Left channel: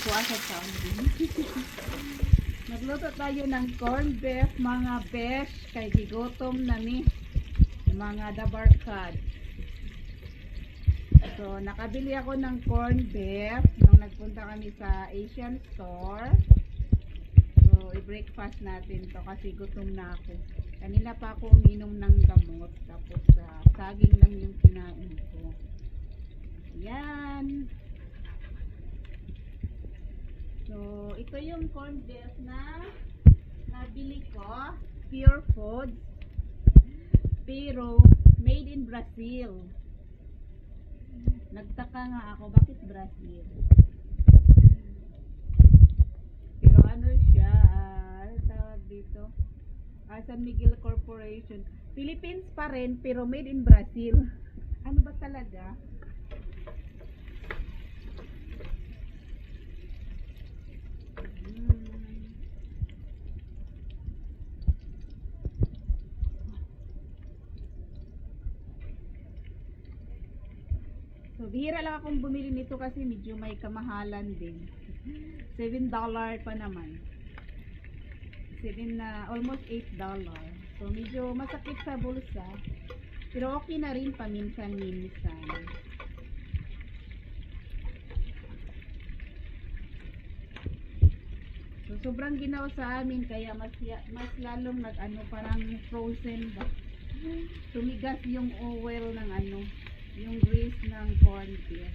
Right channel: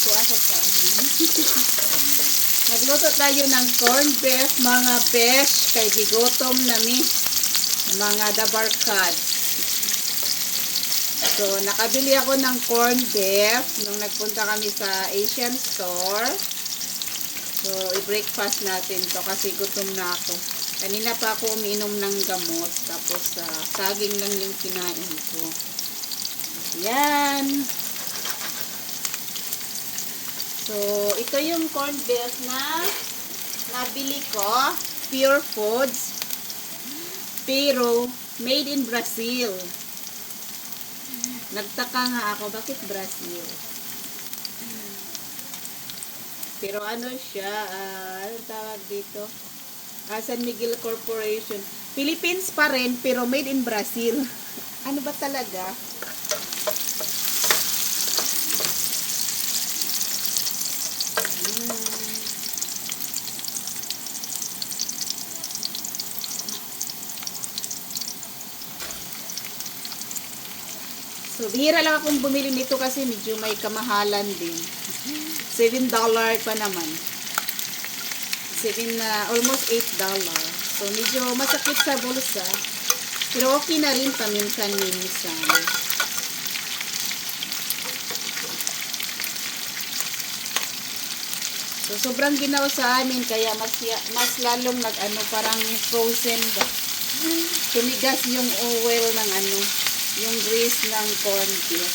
kuha sa kanin. Nagluto tayo ng corned beef, mga besh, kay gigotom nami, mga dabarkad. So, nakabili ako ng corned beef nung nagpunta kami sa Asian store. So, i-breakfast natin to kasi gutom na ako. Kanina pa ako uminom ng gamot, tapos saging lang yung kinain ko. Yan. So, ito yung corned beef na nabili ko. Pure Foods. Pero, made in Brazil. Nagtaka nga ako, bakit Brazil? Pero ano siya, ano tawag dito? San Miguel Corporation. Philippines pa rin, pero made in Brazil. Ano ba talaga? So, bihira lang akong bumili nito kasi medyo may kamahalan din. $7 pa naman. Almost $8. So, medyo masakit sa bulsa. Pero okay na rin paminsan-minsan. So, sobrang ginaw sa amin kaya mas lalong parang frozen ba. Tumigas yung oil ng yung grease ng corned beef.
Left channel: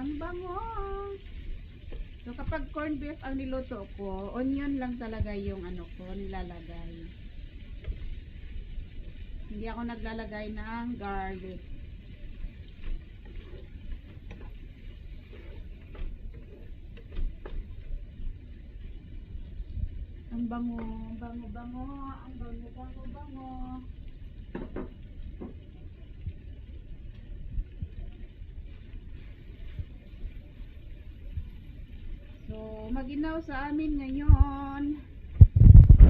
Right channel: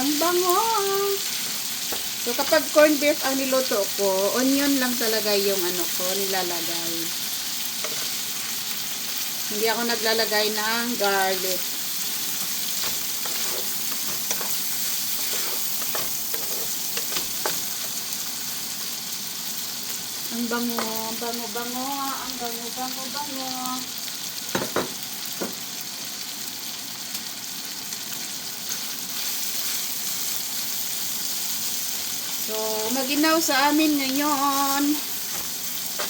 Ang bango! So, kapag corned beef ang niluto ko, onion lang talaga yung ko nilalagay. Hindi ako naglalagay ng garlic. Ang bango, ang bango, ang bango. So, maginaw sa amin ngayon.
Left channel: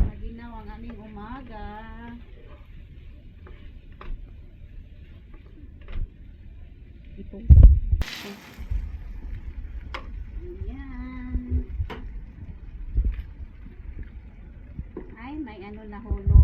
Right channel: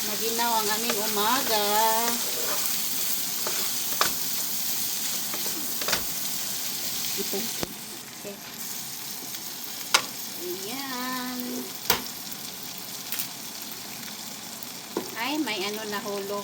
Maginaw ang aming umaga. Ito. Ayan. Ay, may nahulog.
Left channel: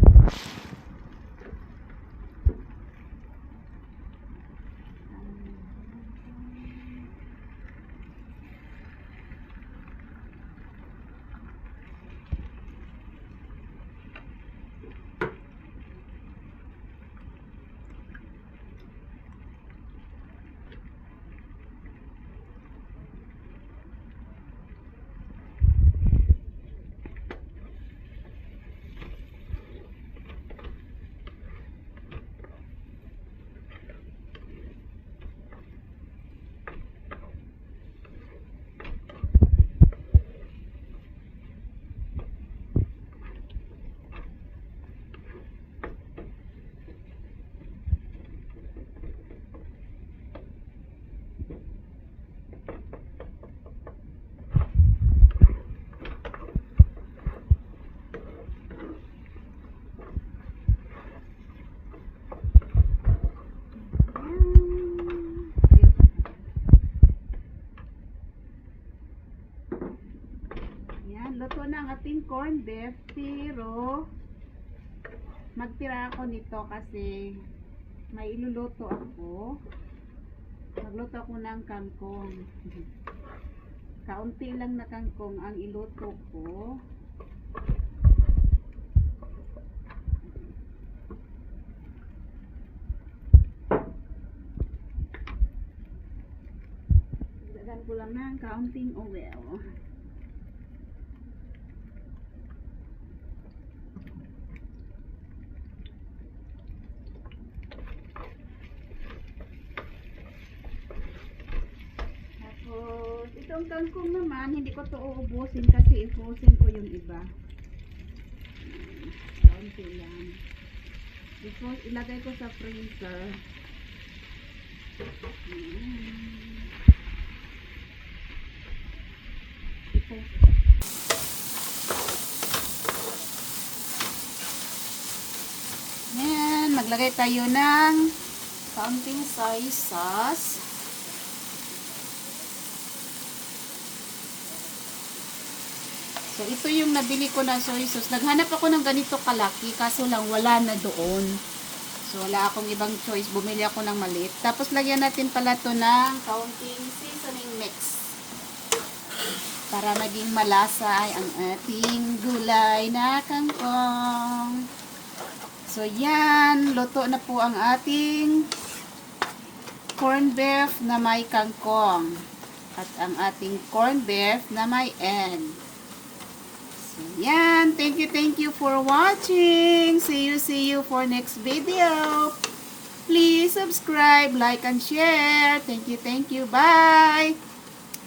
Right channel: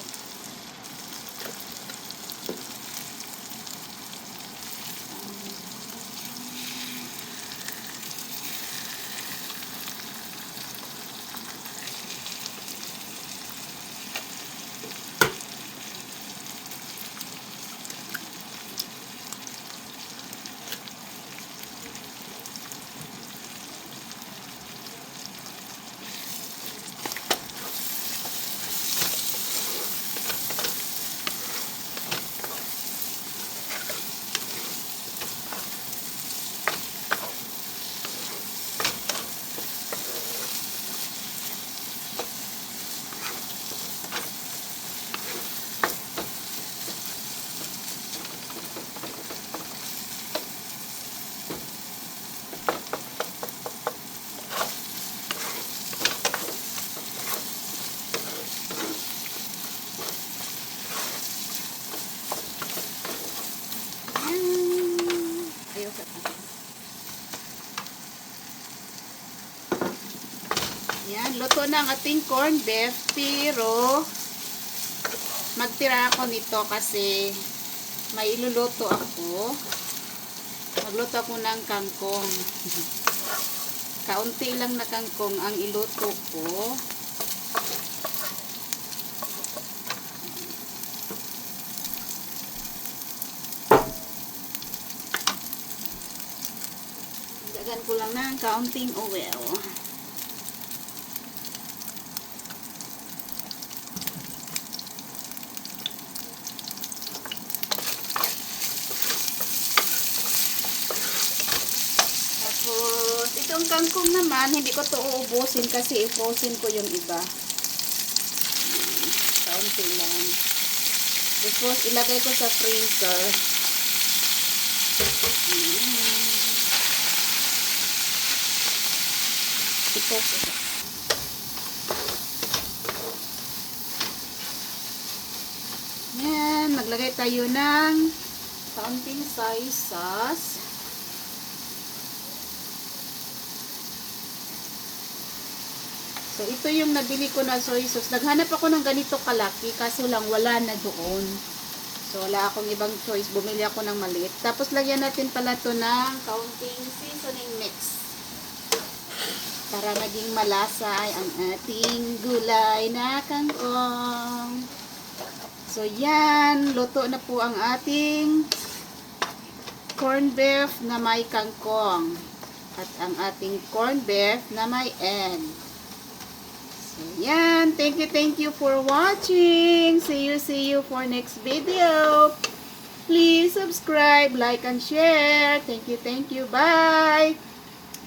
Yan, luto na ang ating corned beef, pero magtira ako nito kasi may iluluto ako. Magluto ako ng kangkong. Kaunti lang na kangkong ang iluto ko. Dagan ko lang ng kaunting oil. Itong kangkong naman, hindi ko to uubusin kasi i-frozen ko yung iba. Kaunti lang. Tapos, ilagay ko sa freezer. Ito. maglagay tayo ng counting size sauce. So, ito yung nabili ko na soy sauce. Naghanap ako ng ganito kalaki, kaso lang wala na doon. So, wala akong ibang choice. Bumili ako ng maliit. Tapos, lagyan natin pala to ng counting seasoning mix. Para maging malasa ang ating gulay na kangkong. So, yan. Luto na po ang ating corned beef na may kangkong. At ang ating corned beef na may egg. Yan. Thank you for watching. See you for next video. Please subscribe, like, and share. Thank you. Bye.